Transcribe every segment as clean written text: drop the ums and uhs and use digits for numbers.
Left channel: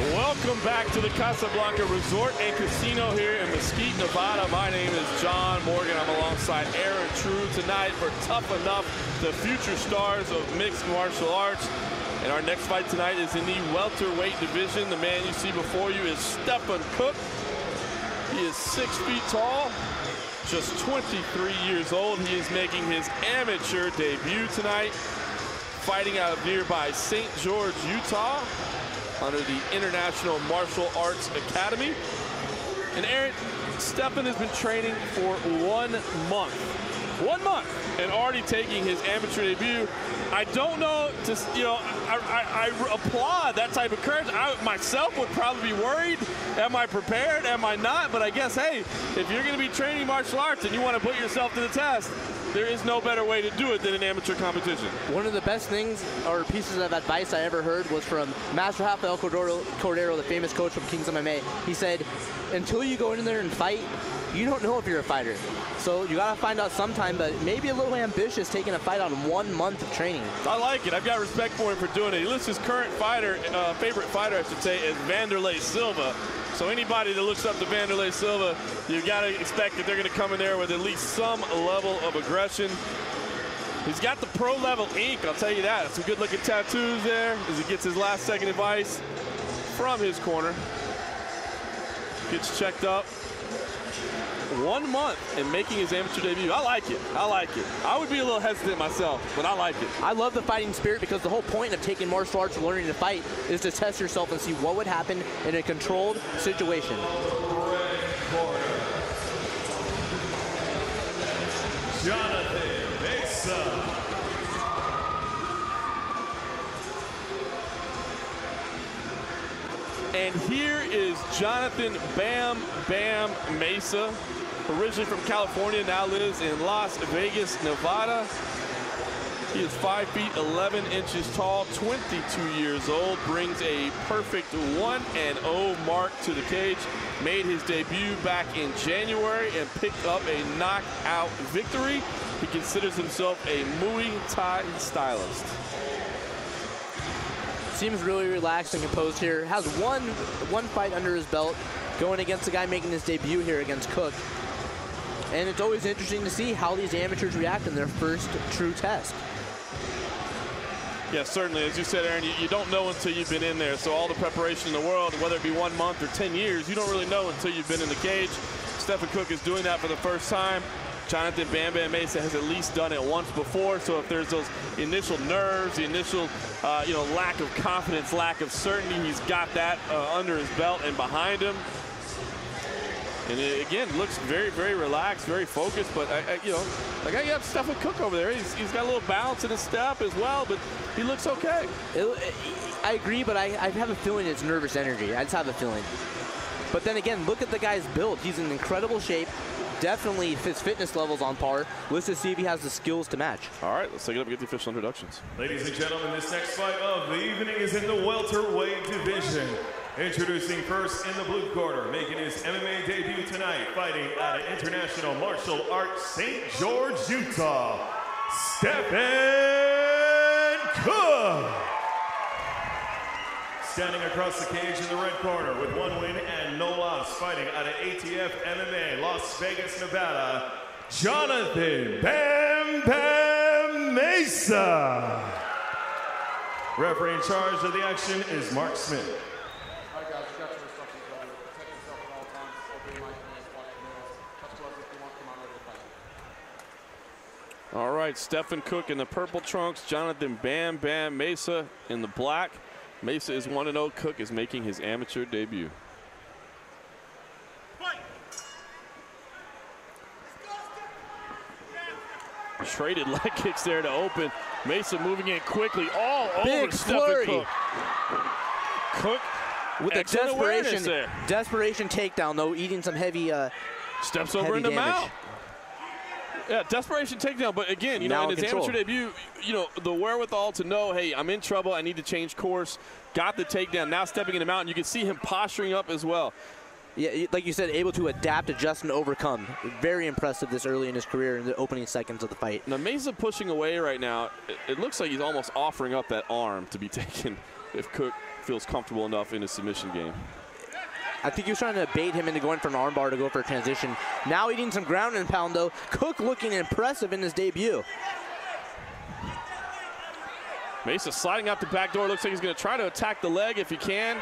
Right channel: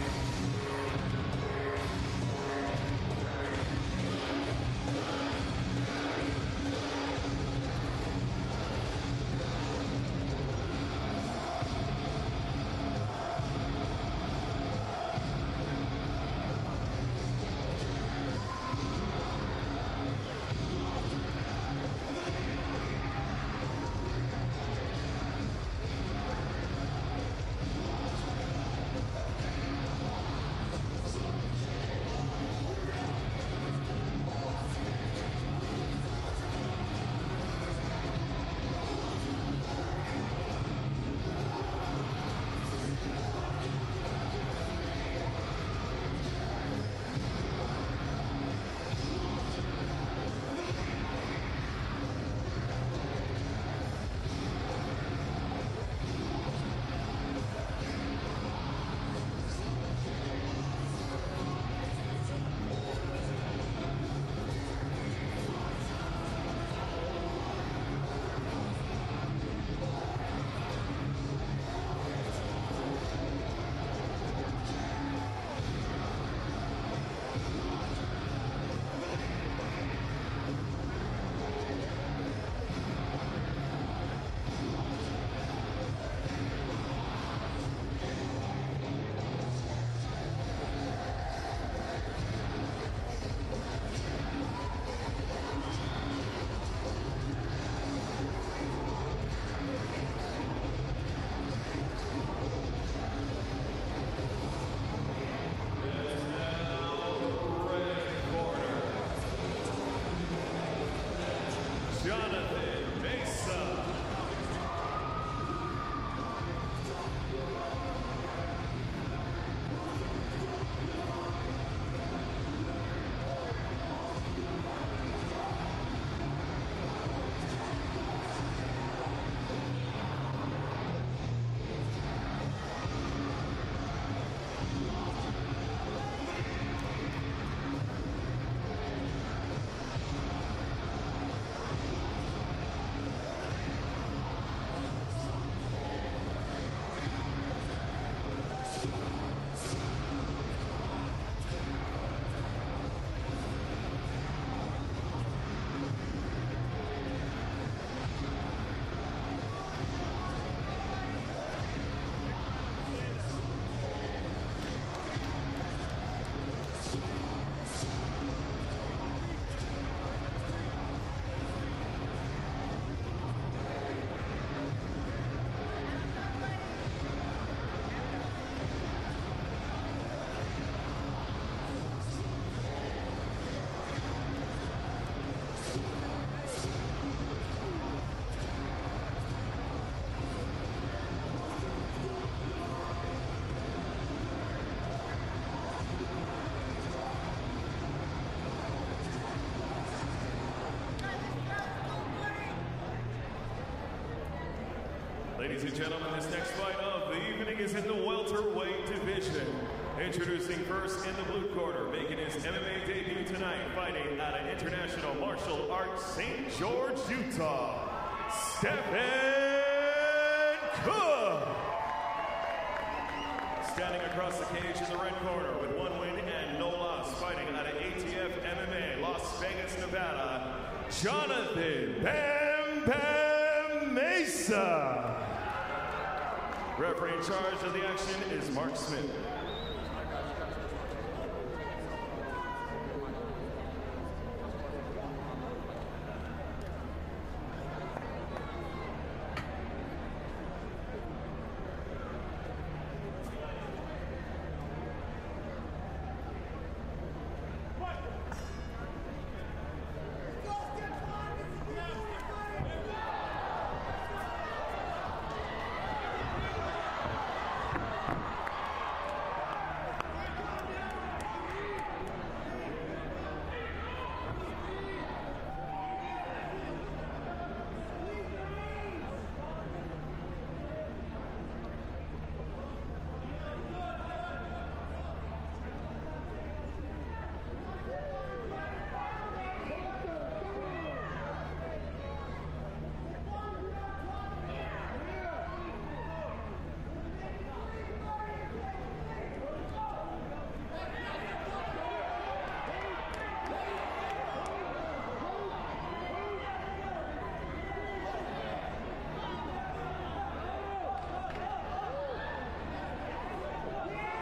Welcome back to the CasaBlanca Resort and Casino here in Mosquite, Nevada. My name is John Morgan. I'm alongside Aaron True tonight for Tuff-N-Uff, the future stars of mixed martial arts. And our next fight tonight is in the welterweight division. The man you see before you is Stephan Cook. He is 6 feet tall, just 23 years old. He is making his amateur debut tonight, fighting out of nearby St. George, Utah, under the International Martial Arts Academy. And Aaron, Stephan has been training for 1 month. 1 month, and already taking his amateur debut. I don't know, I applaud that type of courage. I myself would probably be worried. Am I prepared? Am I not? But I guess, hey, if you're going to be training martial arts and you want to put yourself to the test, there is no better way to do it than an amateur competition. One of the best things or pieces of advice I ever heard was from Master Rafael Cordero, the famous coach from Kings MMA. He said, until you go in there and fight, you don't know if you're a fighter. So you gotta find out sometime, but maybe a little ambitious taking a fight on 1 month of training. I like it. I've got respect for him for doing it. He lists his current fighter, favorite fighter, I should say, as Wanderlei Silva. So anybody that looks up to Wanderlei Silva, you gotta expect that they're gonna come in there with at least some level of aggression. He's got the pro level ink, I'll tell you that. Some good looking tattoos there as he gets his last second advice from his corner. Gets checked up. 1 month and making his amateur debut. I like it. I like it. I would be a little hesitant myself, but I like it. I love the fighting spirit because the whole point of taking martial arts and learning to fight is to test yourself and see what would happen in a controlled situation. Red corner, Jonathan Mesa. And here is Jonathan Bam Bam Mesa, originally from California, now lives in Las Vegas, Nevada. He is 5 feet 11 inches tall, 22 years old, brings a perfect 1-0 mark to the cage. Made his debut back in January and picked up a knockout victory. He considers himself a Muay Thai stylist. Seems really relaxed and composed here. Has one fight under his belt, going against a guy making his debut here against Cook. And it's always interesting to see how these amateurs react in their first true test. Yeah, certainly. As you said, Aaron, you don't know until you've been in there. So all the preparation in the world, whether it be 1 month or 10 years, you don't really know until you've been in the cage. Stephan Cook is doing that for the first time. Jonathan Bam Bam Mesa has at least done it once before, so if there's those initial nerves, the initial lack of confidence, lack of certainty, he's got that under his belt and behind him. And it, again, looks very, very relaxed, very focused, but you have Stephan Cook over there. He's got a little bounce in his step as well, but he looks okay. I agree, but I have a feeling it's nervous energy. I just have a feeling. But then again, look at the guy's build. He's in incredible shape. Definitely his fitness level's on par. Let's just see if he has the skills to match. All right, let's take it up and get the official introductions. Ladies and gentlemen, this next fight of the evening is in the welterweight division. Introducing first in the blue corner, making his MMA debut tonight, fighting out of International Martial Arts, St. George, Utah, Stephan Cook. Standing across the cage in the red corner with 1 win and no loss, fighting out of ATF MMA, Las Vegas, Nevada, Jonathan Bam Bam Mesa. Referee in charge of the action is Mark Smith. All right, guys, you got your instructions. Protect yourself at all times. Obey my commands. Watch your drills. Just whatever you want. I'm ready to fight. All right, Stephan Cook in the purple trunks, Jonathan Bam Bam Mesa in the black. Mesa is 1-0. Cook is making his amateur debut. Traded leg kicks there to open. Mesa moving in quickly all over Stephan Cook. Cook with a desperation takedown, though, eating some heavy steps over in the mount. Yeah, desperation takedown, but again, in his amateur debut, the wherewithal to know, hey, I'm in trouble, I need to change course, got the takedown, now stepping in the mountain. You can see him posturing up as well. Yeah, like you said, able to adapt, adjust, and overcome. Very impressive this early in his career in the opening seconds of the fight. Now, Mesa pushing away right now. It looks like he's almost offering up that arm to be taken if feels comfortable enough in his submission game. I think he was trying to bait him into going for an armbar to go for a transition. Now eating some ground and pound though. Cook looking impressive in his debut. Mesa sliding out the back door. Looks like he's going to try to attack the leg if he can.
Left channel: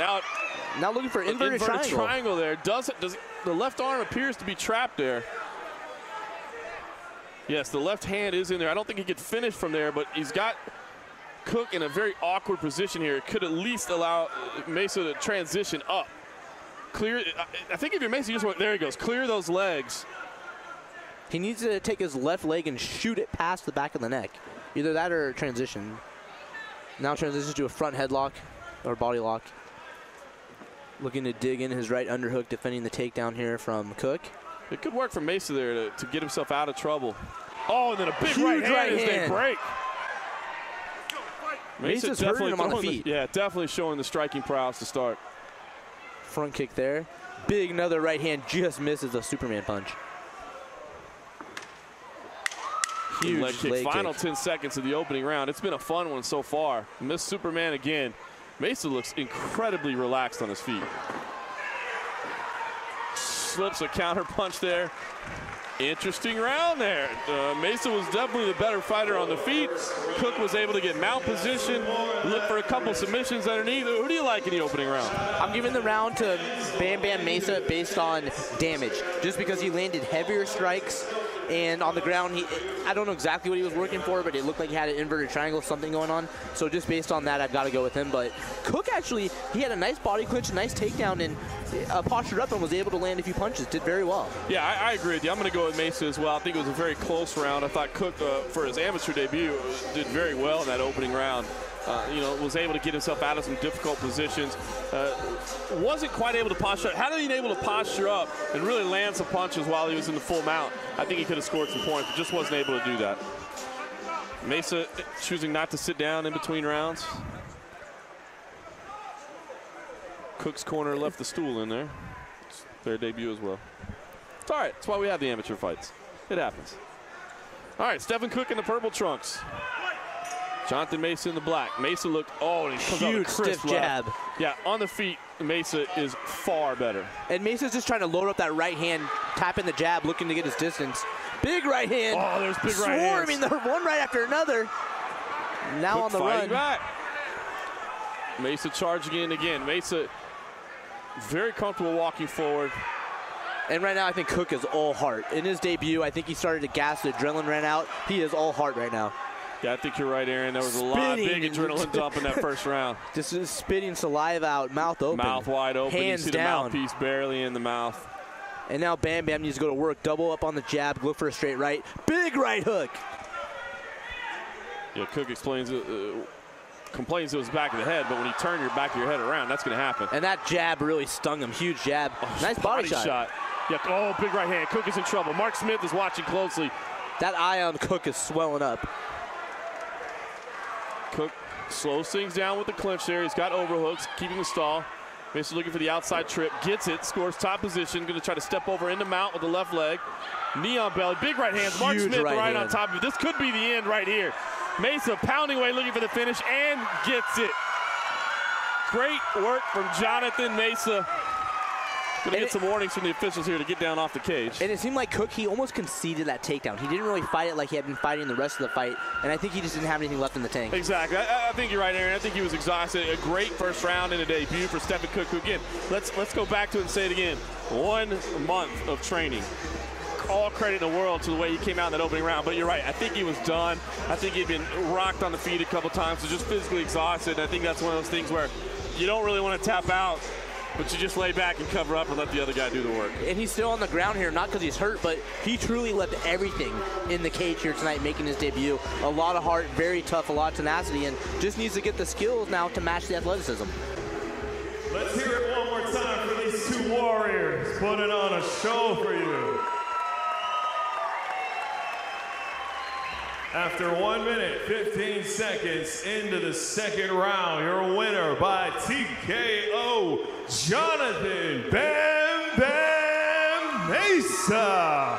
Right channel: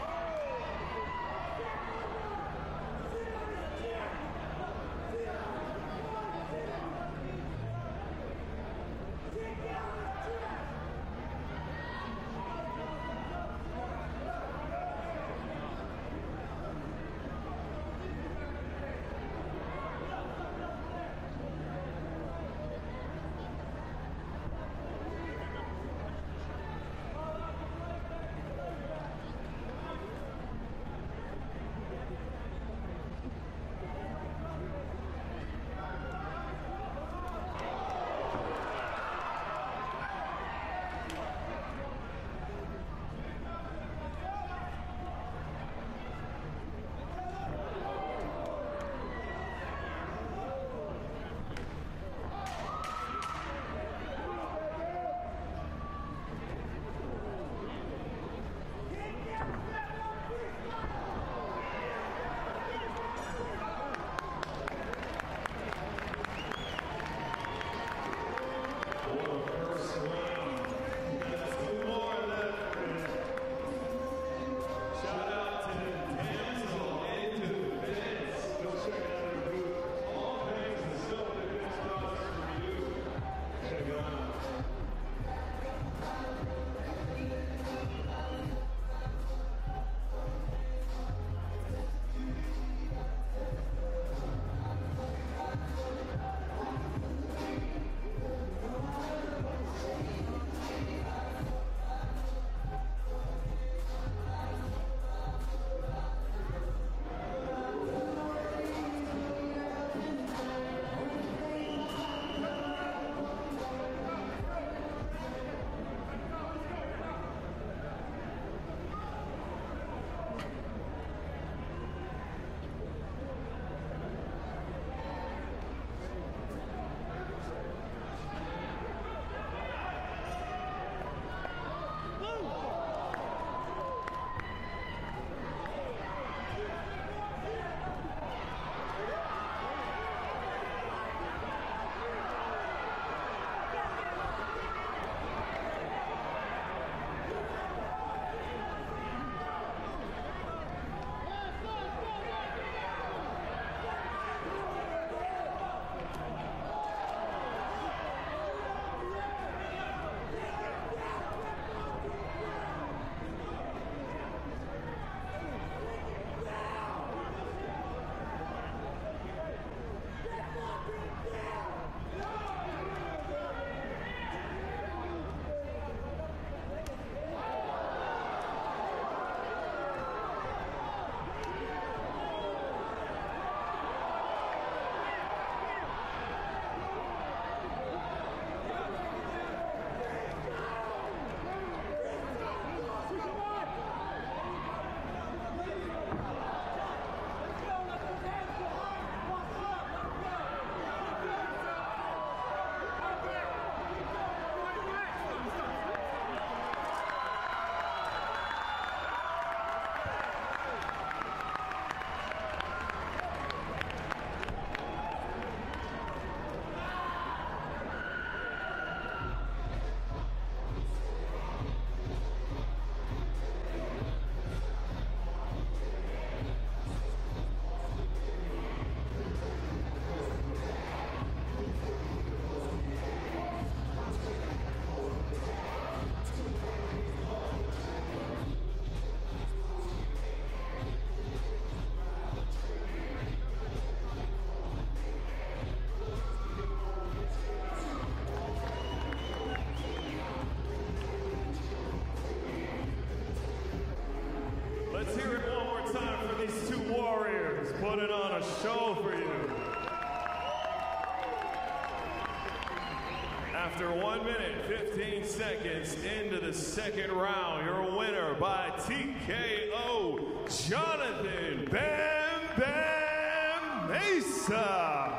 Now looking for inverted triangle there. The left arm appears to be trapped there. Yes, the left hand is in there. I don't think he could finish from there, but he's got Cook in a very awkward position here. It could at least allow Mesa to transition up. Clear. I think if you're Mesa, you just want, there he goes. Clear those legs. He needs to take his left leg and shoot it past the back of the neck. Either that or transition. Now transitions to a front headlock or body lock. Looking to dig in his right underhook, defending the takedown here from Cook. It could work for Mesa there to get himself out of trouble. Oh, and then a big Huge right hand as they break. Mesa's hurting him on the feet. Yeah, definitely showing the striking prowess to start. Front kick there. Big another right hand, just misses a Superman punch. Huge leg kick. Final 10 seconds of the opening round. It's been a fun one so far. Missed Superman again. Mesa looks incredibly relaxed on his feet. Slips a counter punch there. Interesting round there. Mesa was definitely the better fighter on the feet. Cook was able to get mount position, look for a couple submissions underneath. Who do you like in the opening round? I'm giving the round to Bam Bam Mesa based on damage, just because he landed heavier strikes. And on the ground, I don't know exactly what he was working for, but it looked like he had an inverted triangle, something going on. So just based on that, I've got to go with him. But Cook actually, he had a nice body clinch, nice takedown, and postured up and was able to land a few punches. Did very well. Yeah, I agree with you. I'm going to go with Mesa as well. I think it was a very close round. I thought Cook, for his amateur debut, did very well in that opening round. You know, was able to get himself out of some difficult positions. Wasn't quite able to posture up. Had he been able to posture up and really land some punches while he was in the full mount, I think he could have scored some points, but just wasn't able to do that. Mesa choosing not to sit down in between rounds. Cook's corner left the stool in there. It's their debut as well. It's all right. That's why we have the amateur fights. It happens. All right, Stephan Cook in the purple trunks. Jonathan Mesa in the black. Mesa looked, oh, and he comes huge stiff jab. Yeah, on the feet, Mesa is far better. And Mesa's just trying to load up that right hand, tapping the jab, looking to get his distance. Big right hand. Oh, there's big right hands. Swarming one right after another. Now on the run. Back. Mesa charging in again. Mesa very comfortable walking forward. And right now, I think Cook is all heart. In his debut, I think he started to gas. The adrenaline ran out. He is all heart right now. Yeah, I think you're right, Aaron. There was a lot of big adrenaline dump in that first round. Just spitting saliva out, mouth open. Mouth wide open. Hands you see down. The mouthpiece barely in the mouth. And now Bam Bam needs to go to work. Double up on the jab, look for a straight right. Big right hook. Yeah, Cook explains complains it was back of the head, but when you turn your back of your head around, that's going to happen. And that jab really stung him. Huge jab. Nice body shot. Yeah, oh, big right hand. Cook is in trouble. Mark Smith is watching closely. That eye on Cook is swelling up. Cook slows things down with the clinch there. He's got overhooks, keeping the stall. Mesa looking for the outside trip, gets it, scores top position. Going to try to step over into mount with the left leg. Knee on belly, big right hands. Mark Smith right on top of it. This could be the end right here. Mesa pounding away, looking for the finish, and gets it. Great work from Jonathan Mesa. Gonna get some warnings from the officials here to get down off the cage. And it seemed like Cook, he almost conceded that takedown. He didn't really fight it like he had been fighting the rest of the fight, and I think he just didn't have anything left in the tank. Exactly. I think you're right, Aaron. I think he was exhausted. A great first round in a debut for Stephan Cook, who, again, let's go back to it and say it again. 1 month of training. All credit in the world to the way he came out in that opening round, but you're right. I think he was done. I think he'd been rocked on the feet a couple times, so just physically exhausted. And I think that's one of those things where you don't really want to tap out, but you just lay back and cover up and let the other guy do the work. And he's still on the ground here, not because he's hurt, but he truly left everything in the cage here tonight, making his debut. A lot of heart, very tough, a lot of tenacity, and just needs to get the skills now to match the athleticism. Let's hear it one more time for these two warriors putting on a show for you. After 1 minute, 15 seconds into the second round, your winner by TKO, Jonathan Bam Bam Mesa.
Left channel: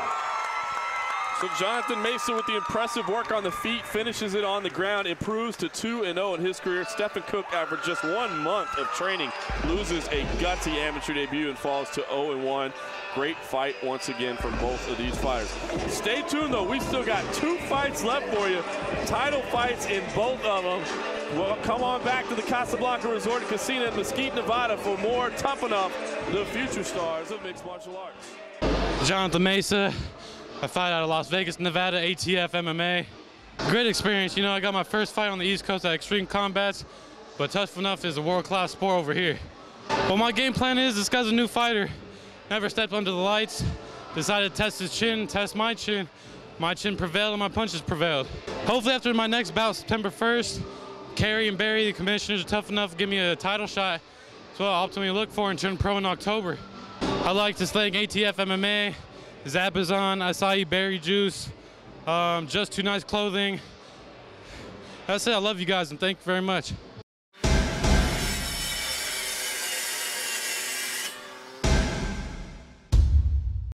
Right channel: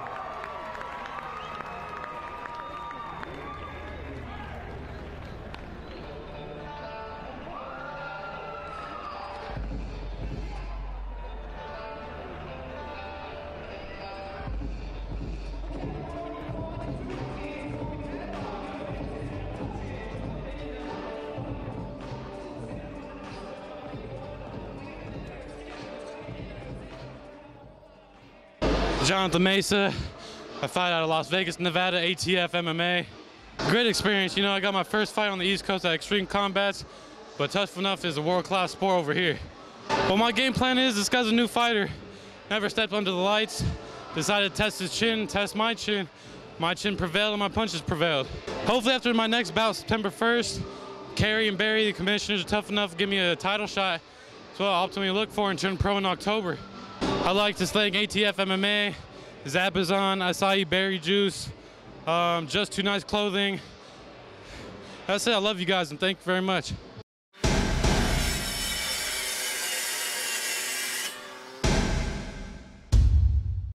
So Jonathan Mesa with the impressive work on the feet, finishes it on the ground, improves to 2-0 in his career. Stephan Cook, after just 1 month of training, loses a gutsy amateur debut and falls to 0-1. Great fight once again from both of these fighters. Stay tuned though, we still got 2 fights left for you. Title fights in both of them. Well, come on back to the CasaBlanca Resort and Casino in Mosquite, Nevada for more Tuff-N-Uff, the future stars of mixed martial arts. Jonathan Mesa. I fight out of Las Vegas, Nevada, ATF MMA. Great experience. You know, I got my first fight on the East Coast at Extreme Combats, but Tuff-N-Uff is a world-class sport over here. Well, my game plan is, this guy's a new fighter. Never stepped under the lights. Decided to test his chin, test my chin. My chin prevailed and my punches prevailed. Hopefully after my next bout, September 1st, Kerry and Barry, the commissioners of Tuff-N-Uff, give me a title shot. That's what I ultimately look for and turn pro in October. I'd like to thank ATF MMA, Zapazon, Acai Berry Juice, Just Too Nice Clothing. That's it. I love you guys and thank you very much.